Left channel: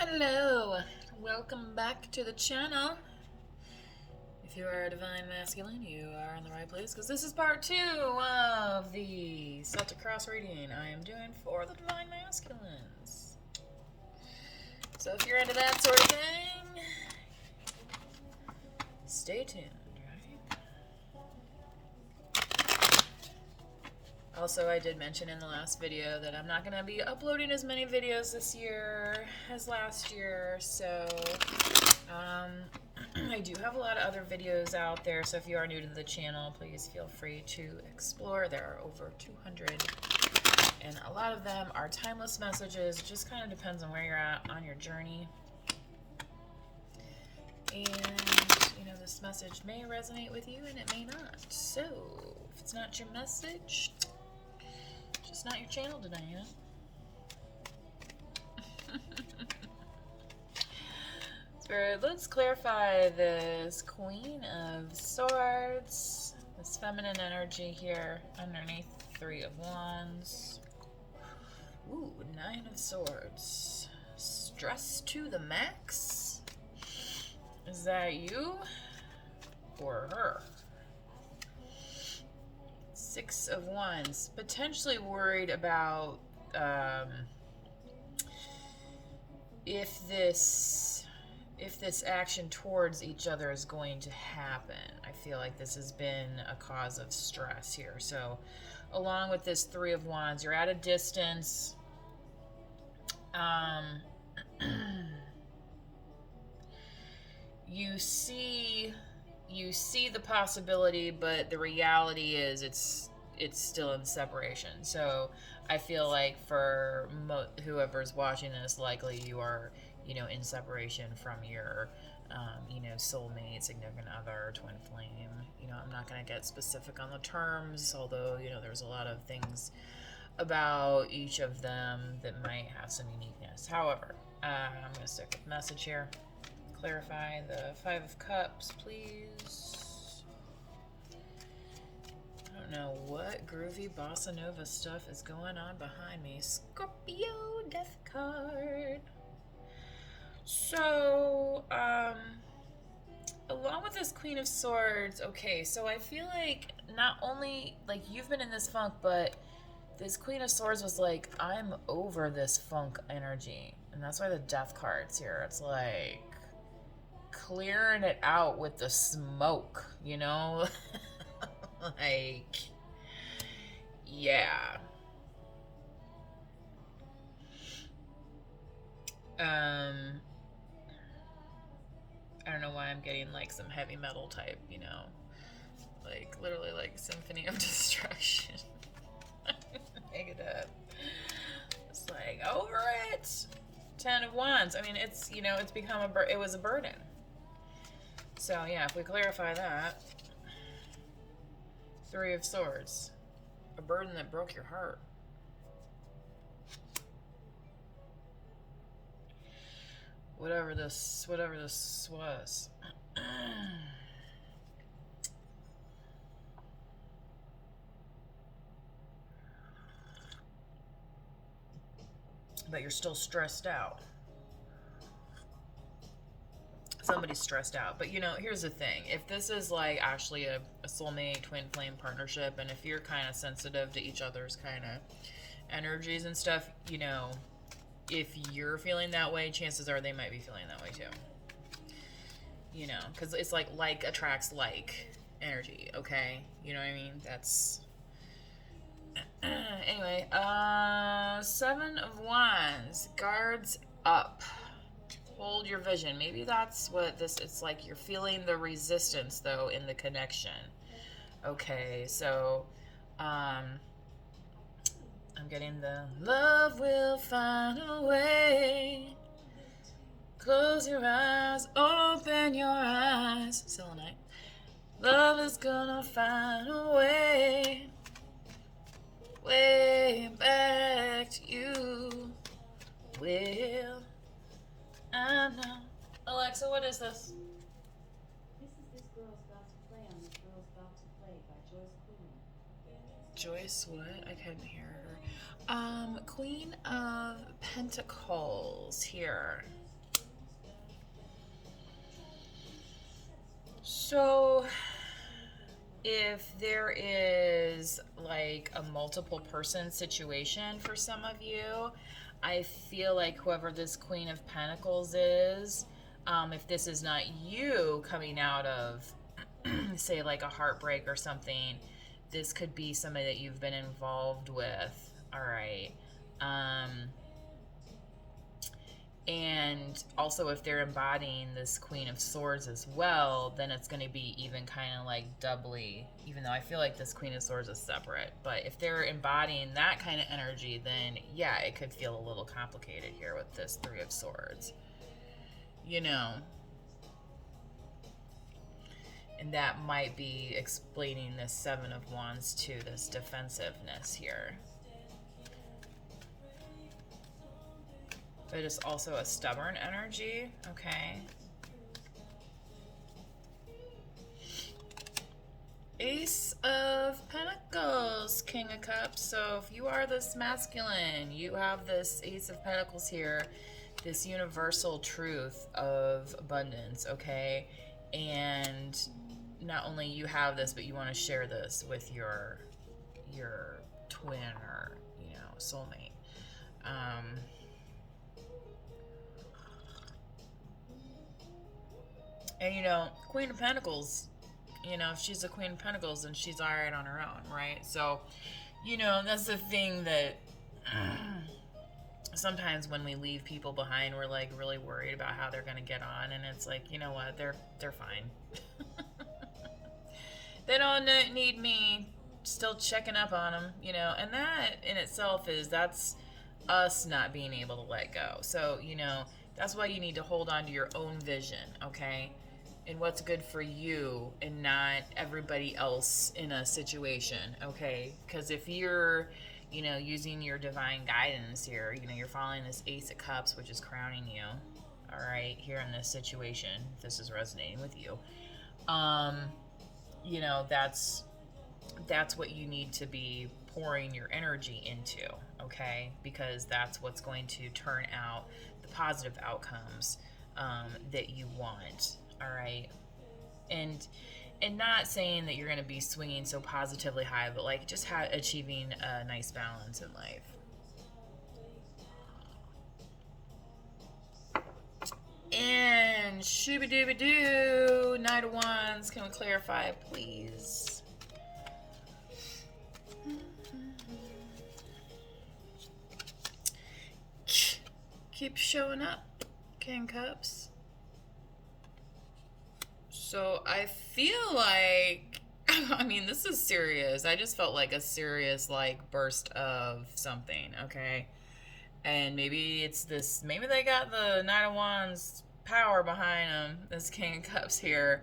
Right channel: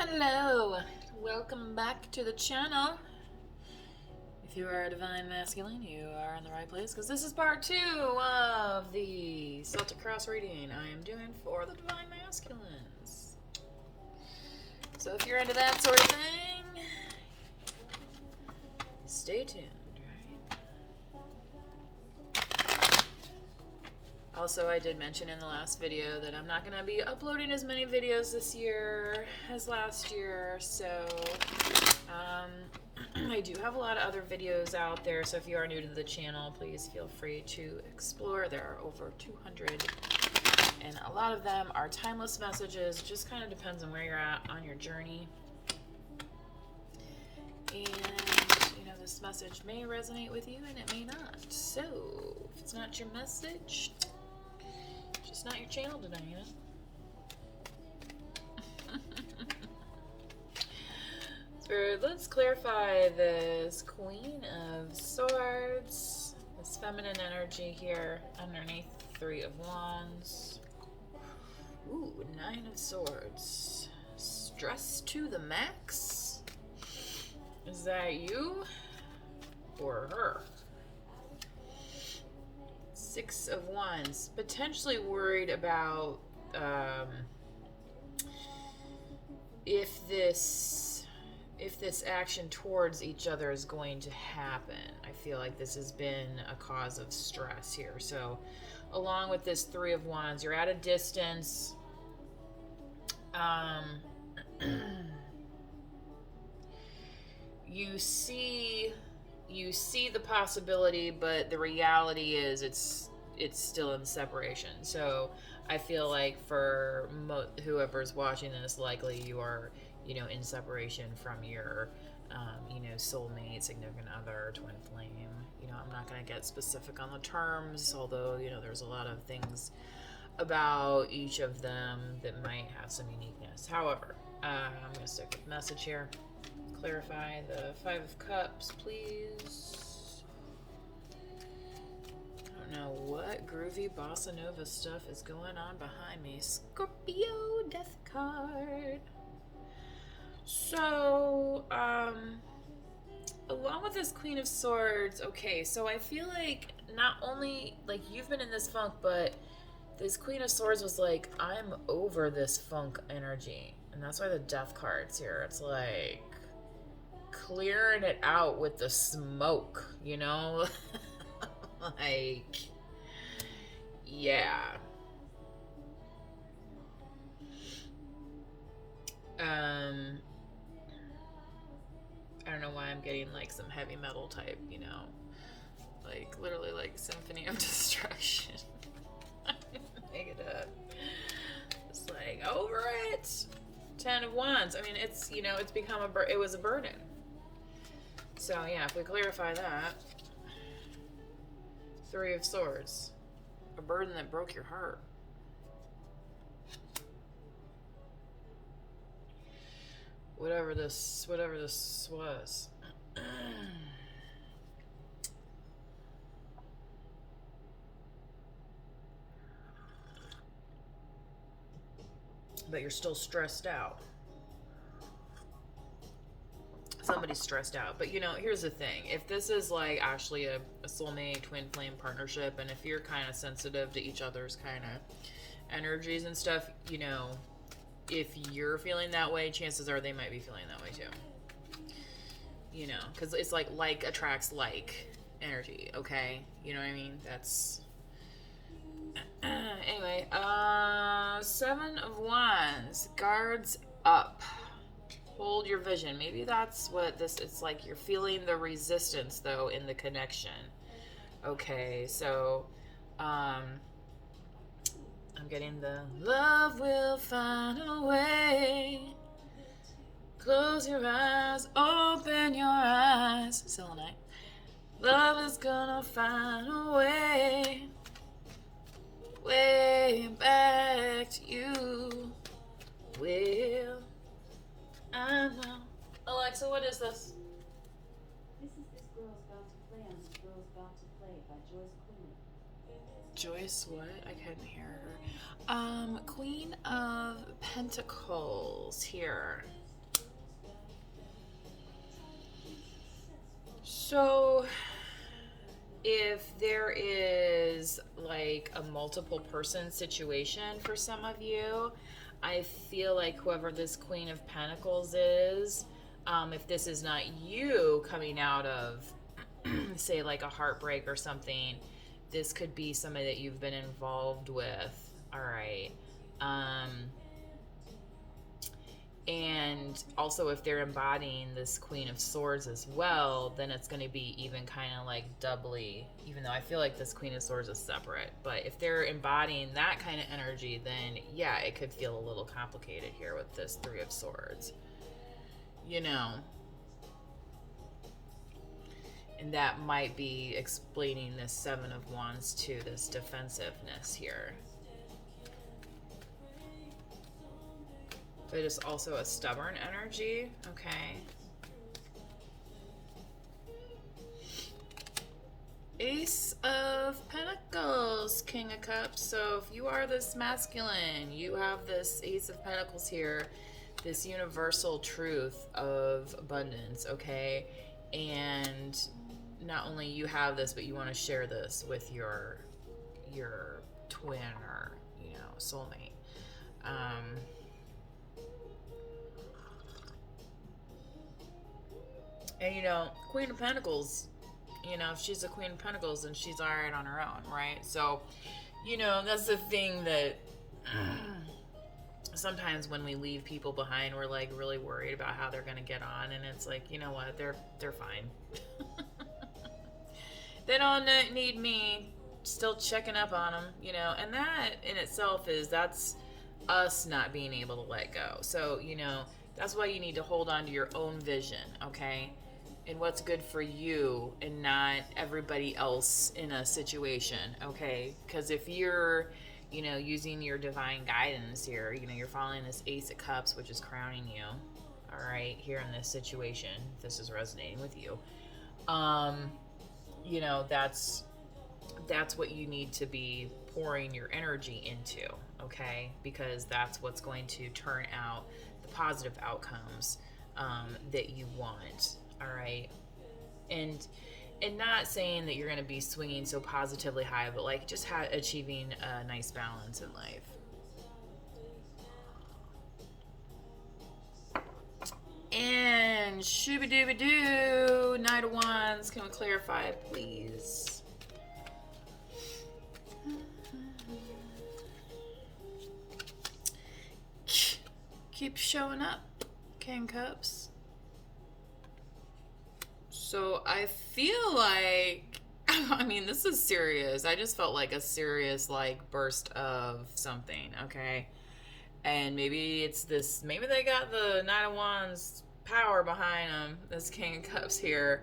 Hello, welcome back to the channel. If you are a Divine Masculine, you are in the right place because this is part 2 of the Celtic Cross reading I am doing for the Divine Masculines. So if you're into that sort of thing, stay tuned, right? Also, I did mention in the last video that I'm not going to be uploading as many videos this year as last year, so I do have a lot of other videos out there, so if you are new to the channel, please feel free to explore. There are over 200, and a lot of them are timeless messages. It just kind of depends on where you're at on your journey. And, you know, this message may resonate with you, and it may not. So, if it's not your message, it's just not your channel today, you know? Spirit, let's clarify this Queen of Swords, this feminine energy here underneath Three of Wands. Ooh, Nine of Swords. Stress to the max? Is that you or her? Six of Wands. Potentially worried about if this action towards each other is going to happen. I feel like this has been a cause of stress here. So along with this Three of Wands, you're at a distance. You see the possibility, but the reality is it's still in separation. So I feel like for whoever's watching this, likely you are, you know, in separation from your, you know, soulmate, significant other, twin flame. You know, I'm not going to get specific on the terms, although, you know, there's a lot of things about each of them that might have some uniqueness. However, I'm going to stick with message here. Clarify the Five of Cups, please. I don't know what groovy bossa nova stuff is going on behind me. Scorpio, Death card. So, along with this Queen of Swords, okay, so I feel like not only, like, you've been in this funk, but this Queen of Swords was like, I'm over this funk energy. And that's why the Death card's here. It's like clearing it out with the smoke, you know? Like, yeah. I don't know why I'm getting like some heavy metal type, you know, like literally like Symphony of Destruction. Make it up. It's like over it. Ten of Wands. I mean, it's, you know, it's become it was a burden. So yeah, if we clarify that, Three of Swords, a burden that broke your heart. Whatever this was. But you're still stressed out. Somebody's stressed out. But, you know, here's the thing. If this is like actually a soulmate twin flame partnership, and if you're kind of sensitive to each other's kind of energies and stuff, you know, if you're feeling that way, chances are they might be feeling that way too. You know, because it's like attracts like energy, okay? You know what I mean? That's... Anyway, Seven of Wands. Guards up. Hold your vision. Maybe that's what this... It's like you're feeling the resistance, though, in the connection. Okay, so... I'm getting the love will find a way. Close your eyes, open your eyes. Selenite. Love is gonna find a way. Way back to you. Will I know? Alexa, what is this? This girl's about to play on the Girl's About to Play by Joyce Queen. Joyce, what? I couldn't hear her. Queen of Pentacles here. So if there is like a multiple person situation for some of you, I feel like whoever this Queen of Pentacles is, if this is not you coming out of, say, like a heartbreak or something, this could be somebody that you've been involved with. All right. Um, and also, if they're embodying this Queen of Swords as well, then it's going to be even kind of like doubly, even though I feel like this Queen of Swords is separate. But if they're embodying that kind of energy, then yeah, it could feel a little complicated here with this Three of Swords. You know, and that might be explaining this Seven of Wands to this defensiveness here. But it's also a stubborn energy, okay? Ace of Pentacles, King of Cups. So if you are this masculine, you have this Ace of Pentacles here, this universal truth of abundance, okay? And not only you have this, but you want to share this with your twin or, you know, soulmate. And you know, Queen of Pentacles, you know, if she's a Queen of Pentacles, then she's alright on her own, right? So, you know, that's the thing that sometimes when we leave people behind, we're like really worried about how they're gonna get on, and it's like, you know what, they're fine. They don't need me still checking up on them, you know, and that in itself that's us not being able to let go. So, you know, that's why you need to hold on to your own vision, okay? And what's good for you and not everybody else in a situation, okay? Because if you're, you know, using your divine guidance here, you know, you're following this Ace of Cups, which is crowning you, all right, here in this situation, if this is resonating with you, you know, that's what you need to be pouring your energy into, okay? Because that's what's going to turn out the positive outcomes that you want, all right? And not saying that you're going to be swinging so positively high, but like just achieving a nice balance in life. And shooby-dooby-doo, Knight of Wands, can we clarify, please? Keep showing up, King Cups. So I feel like, I mean, this is serious. I just felt like a serious, like, burst of something, okay? And maybe it's this, maybe they got the Knight of Wands power behind them, this King of Cups here.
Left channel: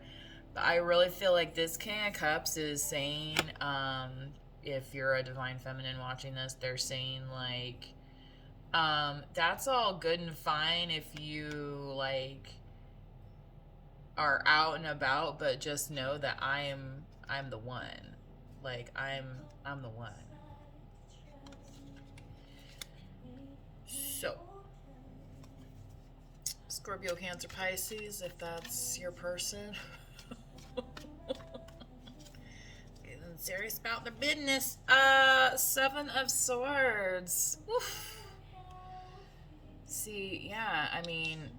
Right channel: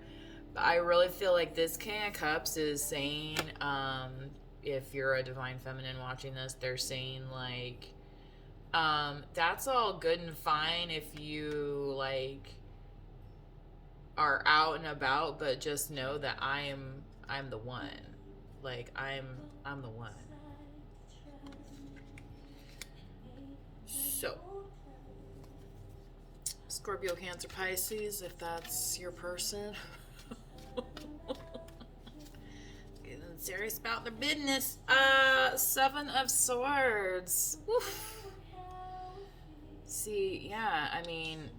But I really feel like this King of Cups is saying, if you're a Divine Feminine watching this, they're saying, like, that's all good and fine if you, like, are out and about, but just know that I'm the one. Like, I'm the one. So, Scorpio, Cancer, Pisces, if that's your person. Getting serious about their business. Seven of Swords. Oof. See, yeah, I mean,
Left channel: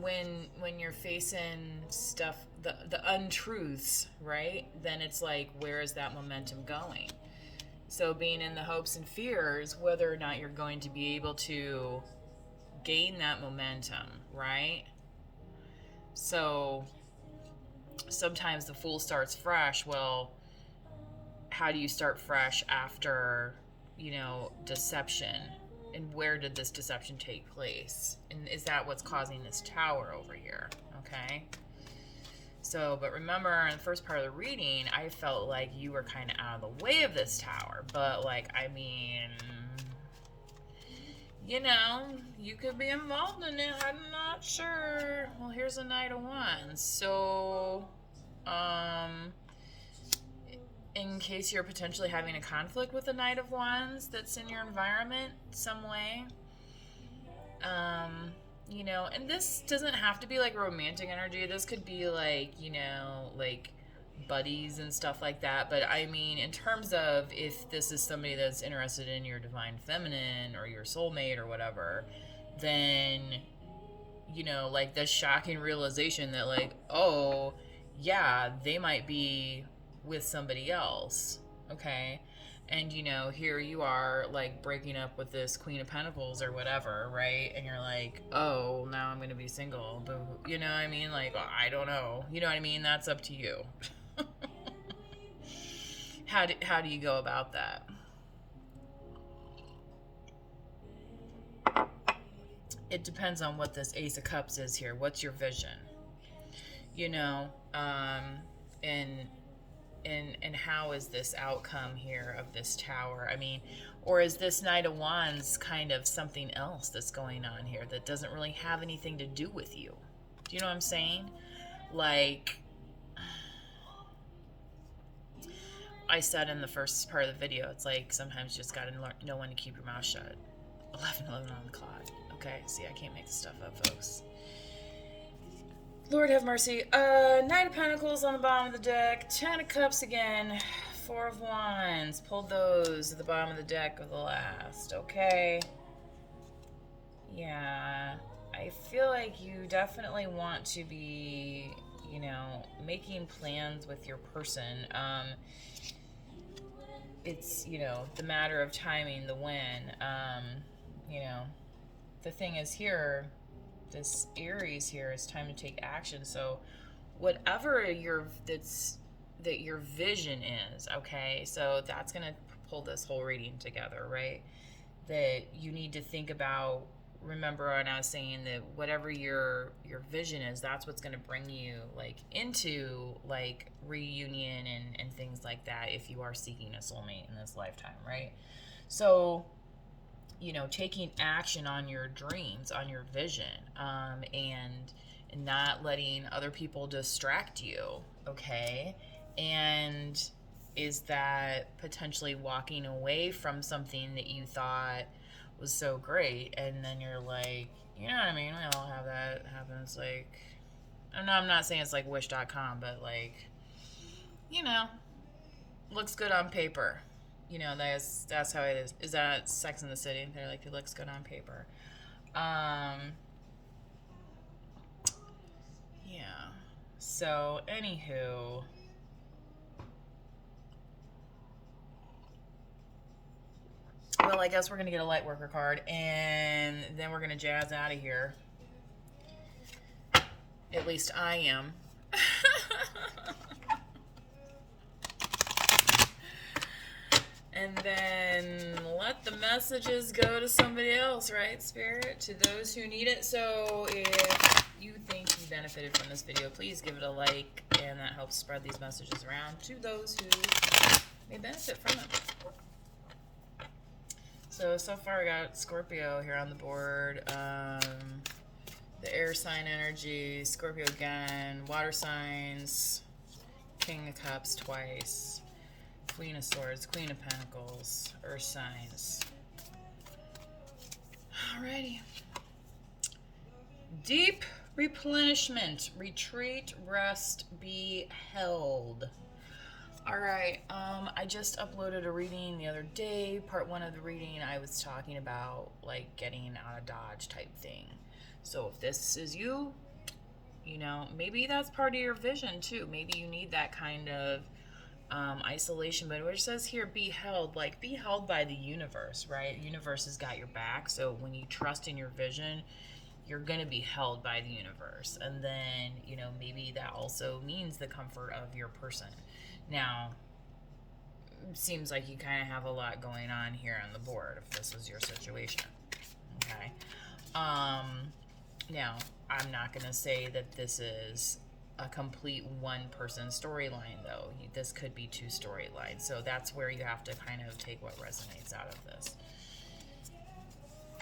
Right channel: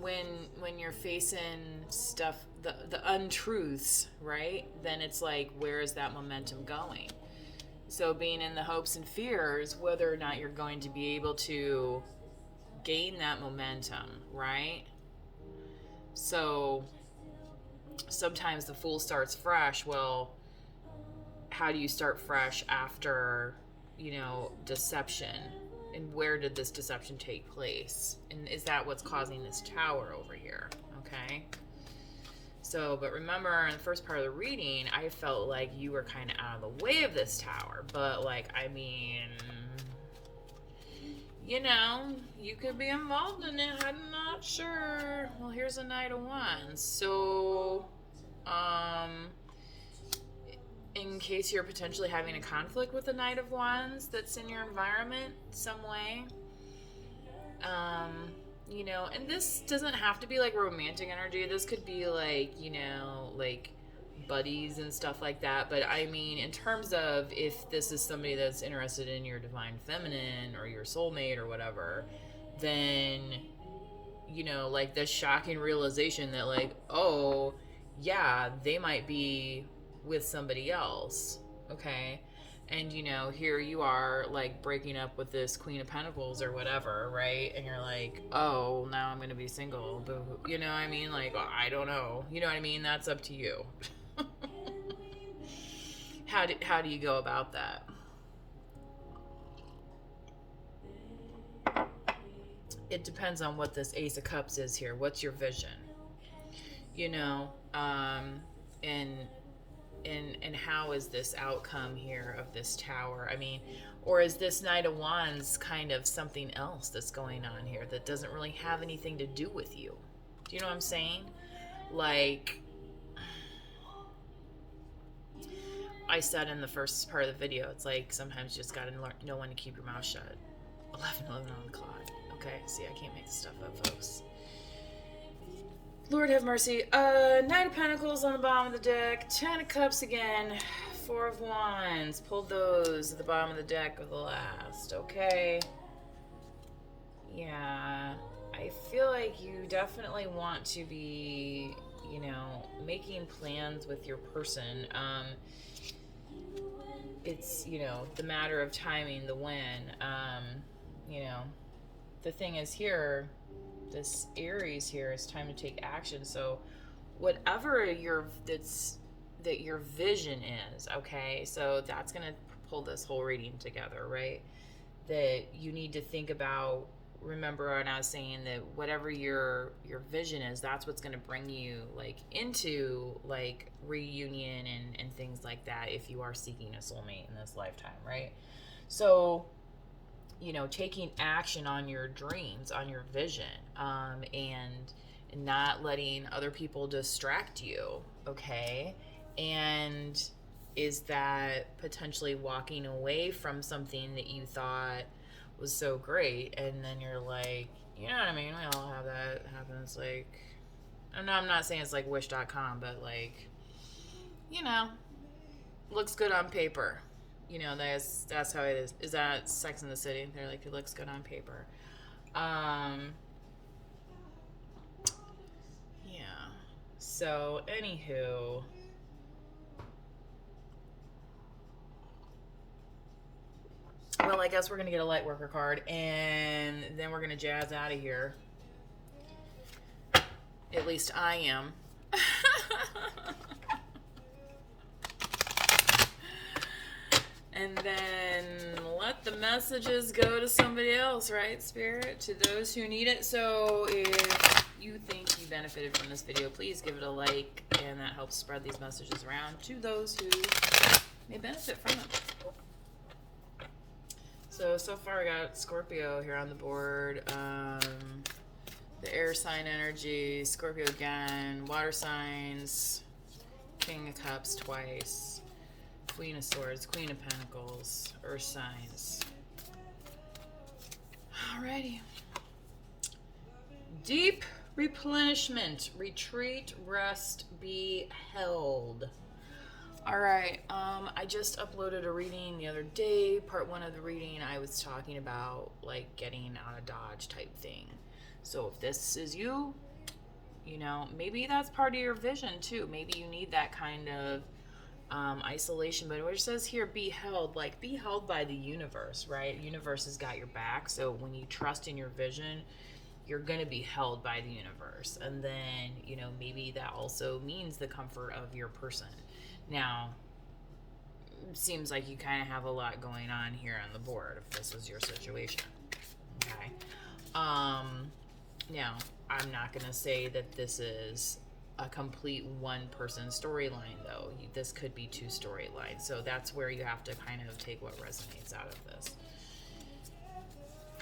when you're facing stuff, the untruths, right? Then it's like, where is that momentum going? So being in the hopes and fears, whether or not you're going to be able to gain that momentum, right? So sometimes the fool starts fresh. Well, how do you start fresh after, you know, deception? And where did this deception take place? And is that what's causing this tower over here? Okay. So, but remember in the first part of the reading, I felt like you were kind of out of the way of this tower. But, like, I mean, you know, you could be involved in it. I'm not sure. Well, here's a Knight of Wands. So, in case you're potentially having a conflict with the Knight of Wands that's in your environment some way, you know, and this doesn't have to be like romantic energy. This could be like, you know, like buddies and stuff like that. But I mean, in terms of if this is somebody that's interested in your divine feminine or your soulmate or whatever, then, you know, like the shocking realization that, like, oh, yeah, they might be with somebody else. Okay. And, you know, here you are, like, breaking up with this Queen of Pentacles or whatever, right? And you're like, oh, now I'm going to be single. You know what I mean? Like, I don't know. You know what I mean? That's up to you. How do you go about that? It depends on what this Ace of Cups is here. What's your vision? You know, and how is this outcome here of this Tower? I mean, or is this Knight of Wands kind of something else that's going on here that doesn't really have anything to do with you? Do you know what I'm saying? Like, I said in the first part of the video, it's like sometimes you just gotta know when to keep your mouth shut. 11:11 on the clock. Okay, see, I can't make this stuff up, folks. Lord have mercy. Knight of Pentacles on the bottom of the deck. 10 of Cups again. 4 of Wands. Pulled those at the bottom of the deck of the last. Okay. Yeah. I feel like you definitely want to be, you know, making plans with your person. It's, you know, the matter of timing, the when. You know, the thing is here, this Aries here, it's time to take action. So whatever your vision is, okay, so that's gonna pull this whole reading together, right? That you need to think about. Remember when I was saying that whatever your vision is, that's what's going to bring you like into like reunion and things like that if you are seeking a soulmate in this lifetime, right? So, you know, taking action on your dreams, on your vision, and not letting other people distract you, okay? And is that potentially walking away from something that you thought was so great, and then you're like, you know what I mean? We all have that happen. It's like, I'm not saying it's like wish.com, but like, you know, looks good on paper. You know, that's how it is. Is that Sex in the City? They're like, it looks good on paper. Yeah. So, anywho, well, I guess we're gonna get a light worker card, and then we're gonna jazz out of here. At least I am. And then let the messages go to somebody else, right, Spirit? To those who need it. So if you think you benefited from this video, please give it a like, and that helps spread these messages around to those who may benefit from them. So far I got Scorpio here on the board. The air sign energy, Scorpio again, water signs, King of Cups twice, Queen of Swords, Queen of Pentacles, Earth signs. Alrighty. Deep replenishment, retreat, rest, be held. Alright, I just uploaded a reading the other day. Part 1 of the reading, I was talking about like getting out of Dodge type thing. So if this is you, you know, maybe that's part of your vision too. Maybe you need that kind of isolation. But what it says here, be held, like be held by the universe, right? Universe has got your back. So when you trust in your vision, you're going to be held by the universe. And then, you know, maybe that also means the comfort of your person. Now, it seems like you kind of have a lot going on here on the board if this was your situation. Okay. Now, I'm not going to say that this is a complete one-person storyline, though. This could be 2 storylines. So that's where you have to kind of take what resonates out of this.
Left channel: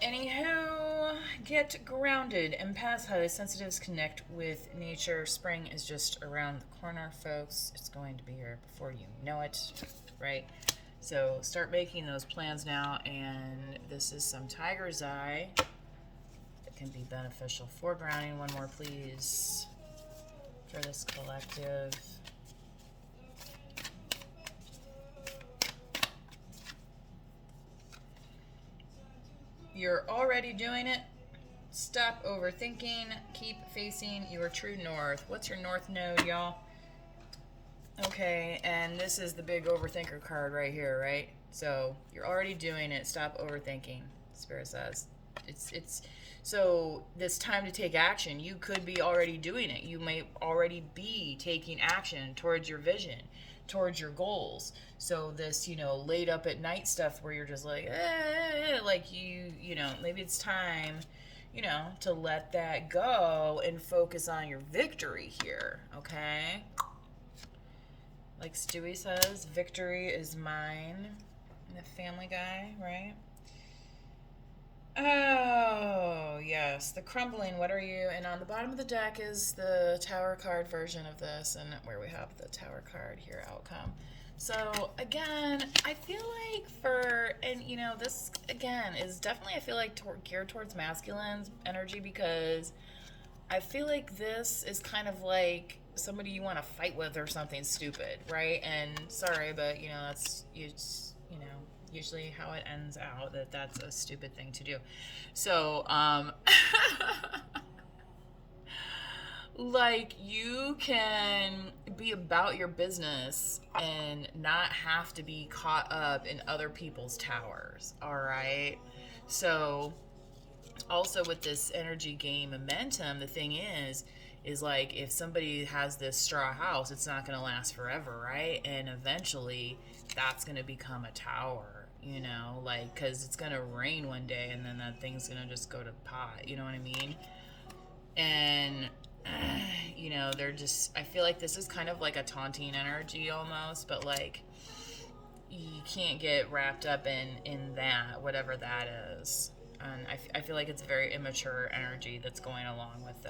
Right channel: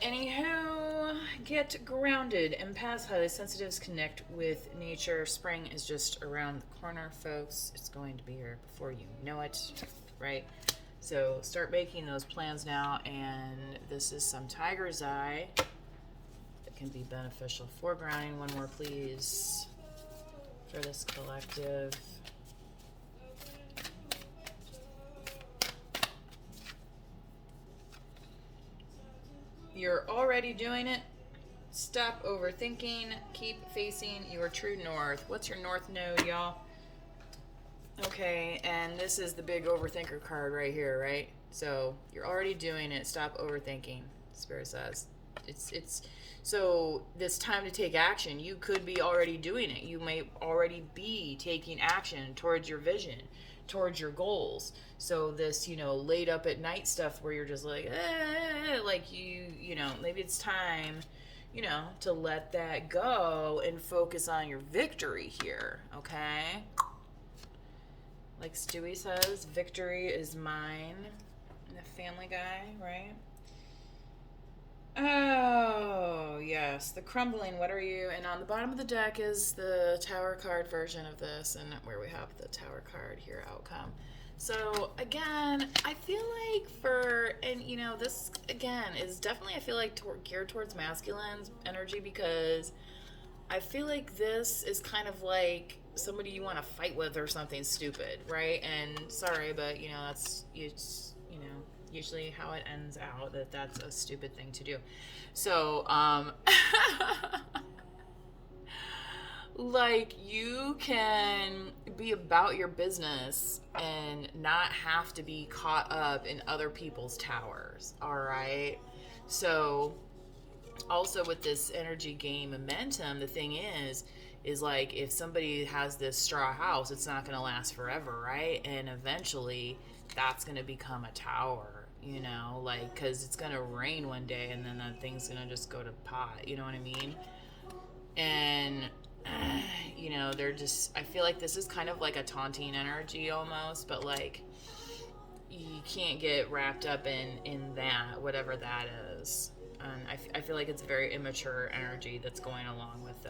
Anywho, get grounded. Empaths, highly sensitives, connect with nature. Spring is just around the corner, folks. It's going to be here before you know it, right? So start making those plans now. And this is some Tiger's Eye. can be beneficial. Foregrounding, one more please, for this collective. You're already doing it. Stop overthinking. Keep facing your true north. What's your north node, y'all? Okay, and this is the big overthinker card right here, right? So you're already doing it. Stop overthinking, Spirit says. It's so it's time to take action. You could be already doing it. You may already be taking action towards your vision, towards your goals. So this, you know, laid up at night stuff where you're just like you know, maybe it's time, you know, to let that go and focus on your victory here, okay? Like Stewie says, victory is mine. The Family Guy, right? Oh, yes. The Crumbling, what are you? And on the bottom of the deck is the Tower card version of this, and where we have the Tower card here, outcome. So, again, I feel like and you know, this, again, is definitely, I feel like, geared towards masculine energy, because I feel like this is kind of like somebody you want to fight with or something stupid, right? And sorry, but, you know, it's you know, usually how it ends out, that's a stupid thing to do. So, like, you can be about your business and not have to be caught up in other people's towers, all right? So, also with this energy gain momentum, the thing is like, if somebody has this straw house, it's not going to last forever, right? And eventually that's going to become a tower, you know, like, because it's going to rain one day and then that thing's going to just go to pot, you know what I mean? And you know, they're just, I feel like this is kind of like a taunting energy almost, but like, you can't get wrapped up in that, whatever that is. And I feel like it's very immature energy that's going along with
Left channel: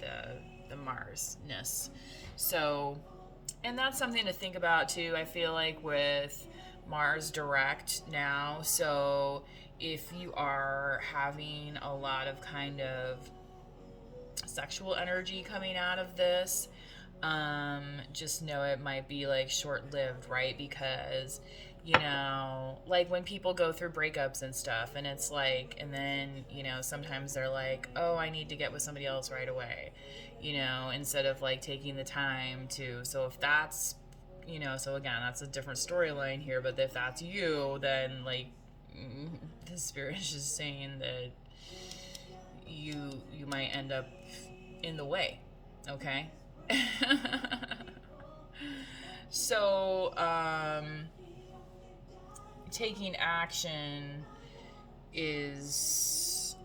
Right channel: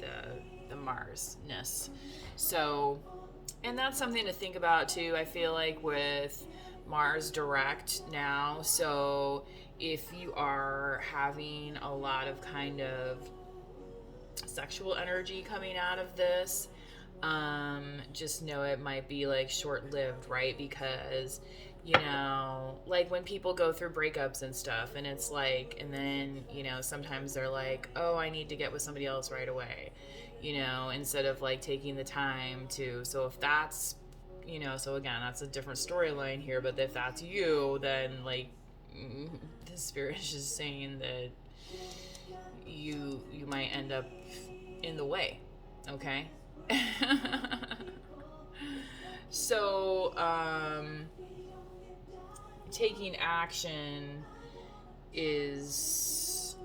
the Mars-ness. So, and that's something to think about too, I feel like, with Mars direct now. So if you are having a lot of kind of sexual energy coming out of this, just know it might be like short-lived, right? Because, you know, like when people go through breakups and stuff, and it's like, and then, you know, sometimes they're like, oh, I need to get with somebody else right away, you know, instead of like taking the time to. So if that's, you know, so again, that's a different storyline here, but if that's you, then like, the spirit is just saying that you might end up in the way, okay? So, taking action is,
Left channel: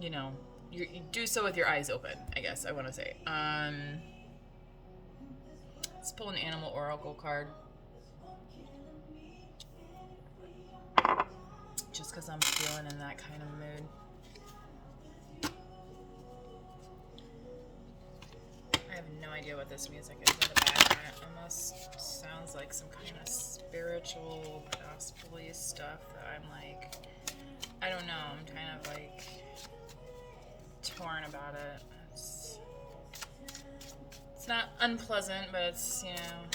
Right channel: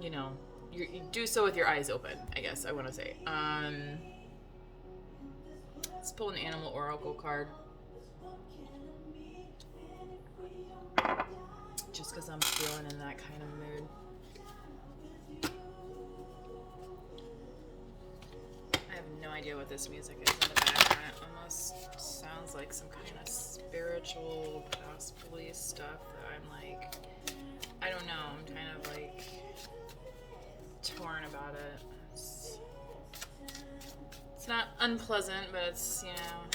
you know, you do so with your eyes open, I guess I want to say. Let's pull an animal oracle card. Just because I'm feeling in that kind of mood. I have no idea what this music is in the background. It almost sounds like some kind of spiritual, possibly stuff that I'm like, I don't know, I'm kind of like torn about it. It's not unpleasant, but it's, you know,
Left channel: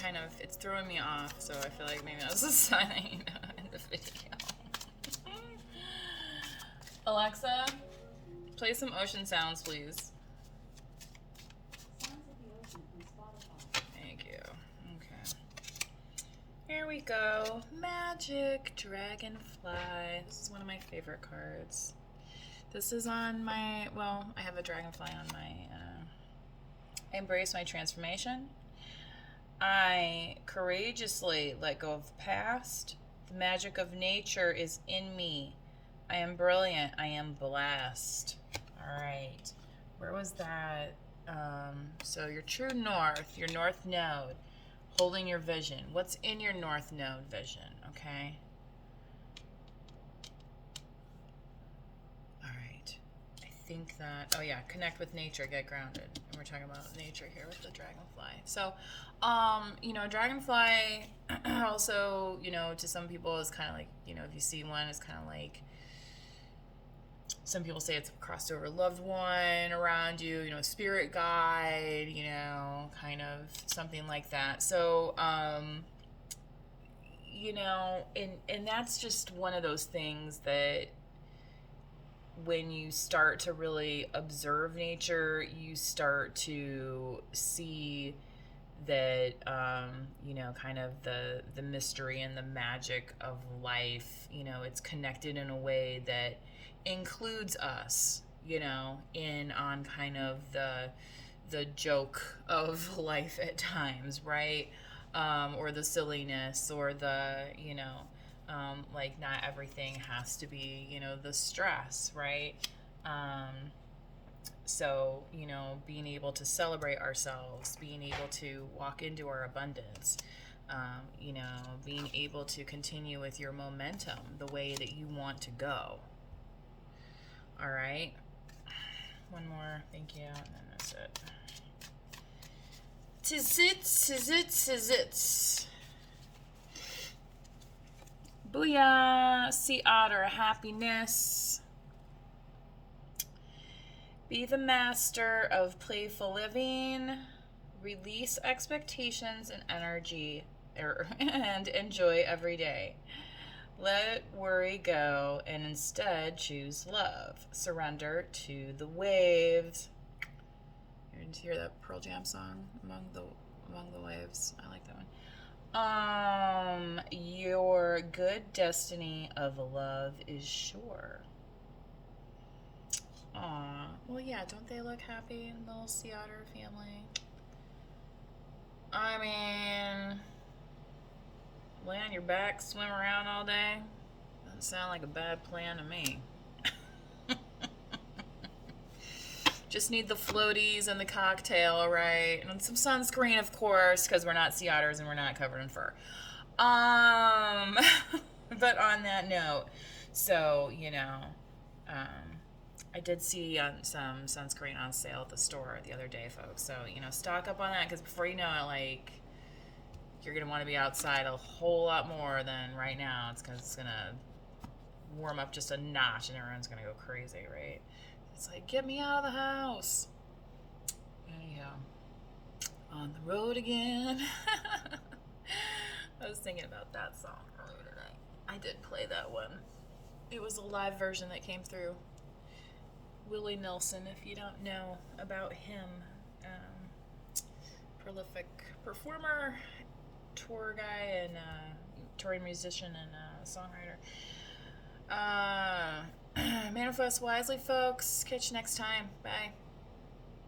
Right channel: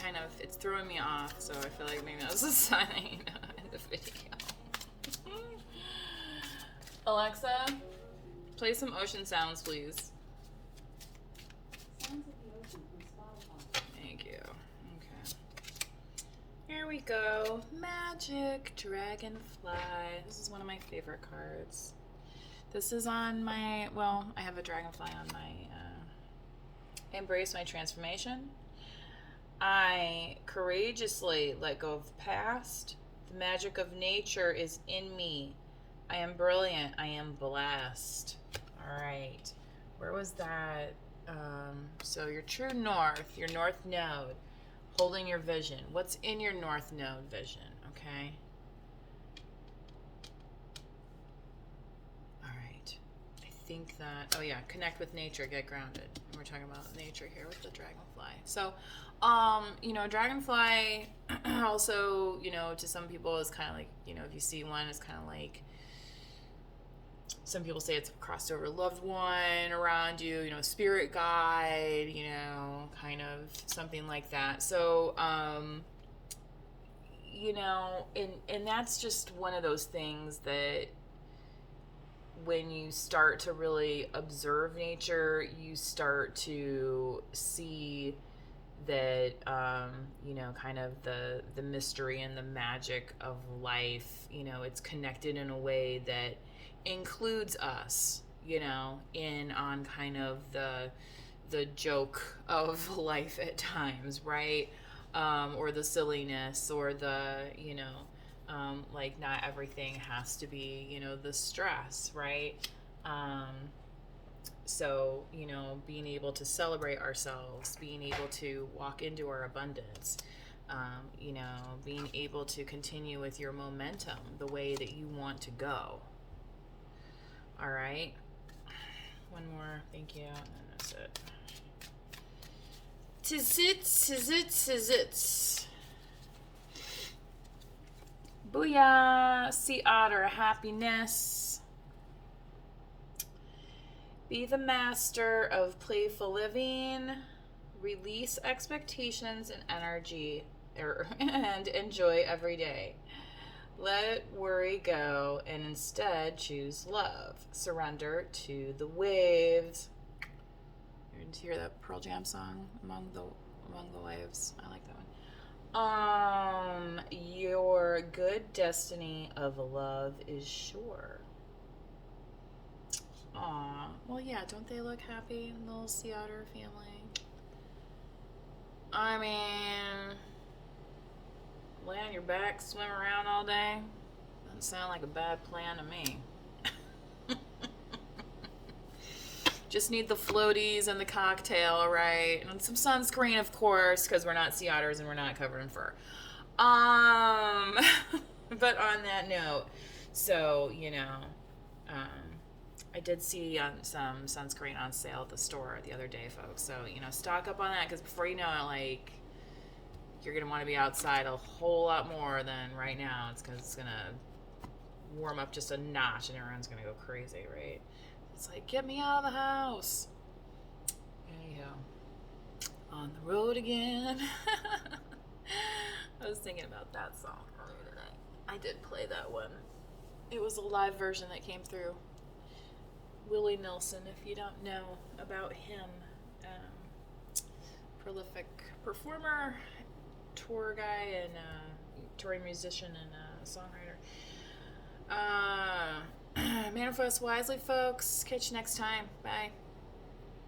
kind of, it's throwing me off, so I feel like maybe that's a sign in the video. Alexa, play some ocean sounds, please. Thank you. Okay. Here we go. Magic Dragonfly. This is one of my favorite cards. This is on my, well, I have a dragonfly on my, I embrace my transformation. I courageously let go of the past. The magic of nature is in me. I am brilliant. I am blessed. All right. Where was that? So your true north, your north node, holding your vision. What's in your north node vision? Okay. All right. I think that, oh yeah, connect with nature, get grounded. And we're talking about nature here with the dragonfly. So, you know, dragonfly also, you know, to some people is kind of like, you know, if you see one, it's kind of like, some people say it's a crossed over loved one around you, you know, spirit guide, you know, kind of something like that. So, you know, and that's just one of those things that when you start to really observe nature, you start to see that, you know, kind of the mystery and the magic of life, you know, it's connected in a way that includes us, you know, in on kind of the joke of life at times, right? Or the silliness, or the, you know, like not everything has to be, you know, the stress, right? So, you know, being able to celebrate ourselves, being able to walk into our abundance, you know, being able to continue with your momentum the way that you want to go. All right. One more. Thank you. And then that's it. Tis it. Booyah. Sea otter happiness. Be the master of playful living. Release expectations and energy, and enjoy every day. Let worry go and instead choose love. Surrender to the waves. You didn't hear that Pearl Jam song, Among the Waves? I like that one. Your good destiny of love is sure. Aw, well, yeah, don't they look happy in the little sea otter family? I mean, lay on your back, swim around all day? Doesn't sound like a bad plan to me. Just need the floaties and the cocktail, right? And some sunscreen, of course, because we're not sea otters and we're not covered in fur. But on that note, so, you know, I did see some sunscreen on sale at the store the other day, folks. So, you know, stock up on that, because before you know it, like, you're going to want to be outside a whole lot more than right now. It's because it's going to warm up just a notch and everyone's going to go crazy, right? It's like, get me out of the house. Anyhow, on the road again. I was thinking about that song earlier tonight. I did play that one. It was a live version that came through. Willie Nelson, if you don't know about him, prolific performer, tour guy, and touring musician and songwriter. Manifest wisely, folks. Catch you next time. Bye.